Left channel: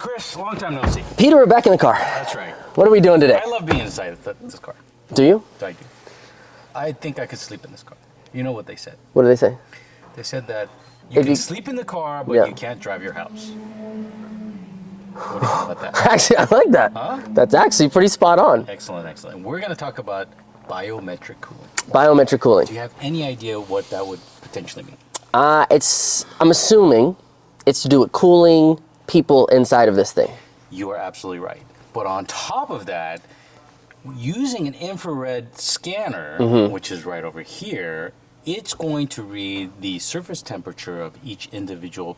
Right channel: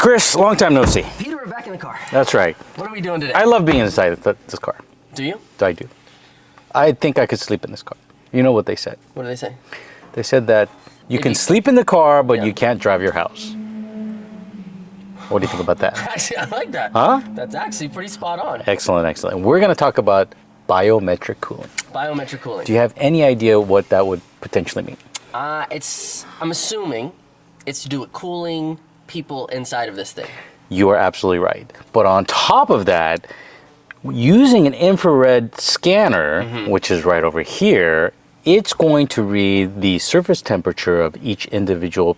Chris, long time no see. Peter, we're back in the car. That's right. What are we doing today? I love being inside this car. Do you? I do. I think I could sleep in this car. You know what they said? What do they say? They said that you can sleep in the car, but Yeah. you can't drive your house. What do you think about that? Actually, I like that. Huh? That's actually pretty spot on. Excellent, excellent. We're going to talk about biometric cooling. Biometric cooling. Do you have any idea what that would potentially mean? I'm assuming it's to do with cooling people inside of this thing. You are absolutely right. But on top of that, using an infrared scanner, which is right over here, it's going to read the surface temperature of each individual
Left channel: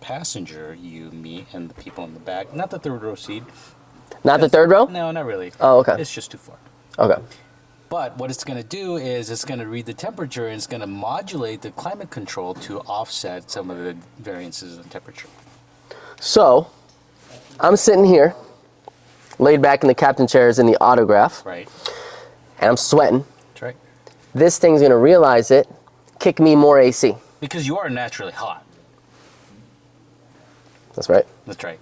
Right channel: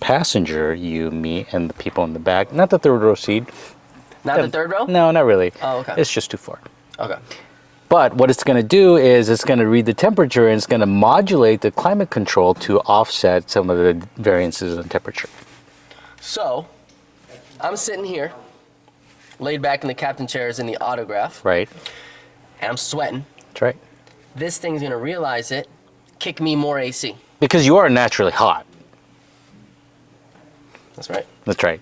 passenger, you, me, and the people in the back. Not the third row seat. Not the third row? No, not really. Oh, okay. It's just too far. Okay. But what it's going to do is it's going to read the temperature and it's going to modulate the climate control to offset some of the variances in temperature. So, I'm sitting here, laid back in the captain chairs in the autograph, Right? and I'm sweating. That's right. This thing's gonna realize it, kick me more AC. Because you are naturally hot. That's right. That's right.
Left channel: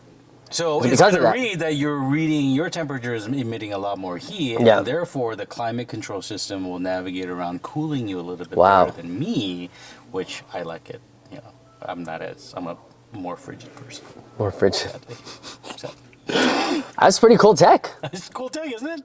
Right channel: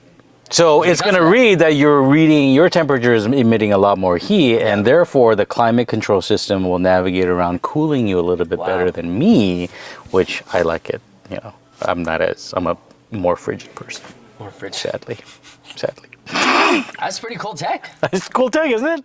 So it's Because going to of that. read that your temperature is emitting a lot more heat, Yeah. and therefore the climate control system will navigate around cooling you a little bit Wow. better than me, which I like it. You know, I'm a more frigid person, More fridge. sadly. Sadly. That's pretty cool tech. It's cool tech, isn't it?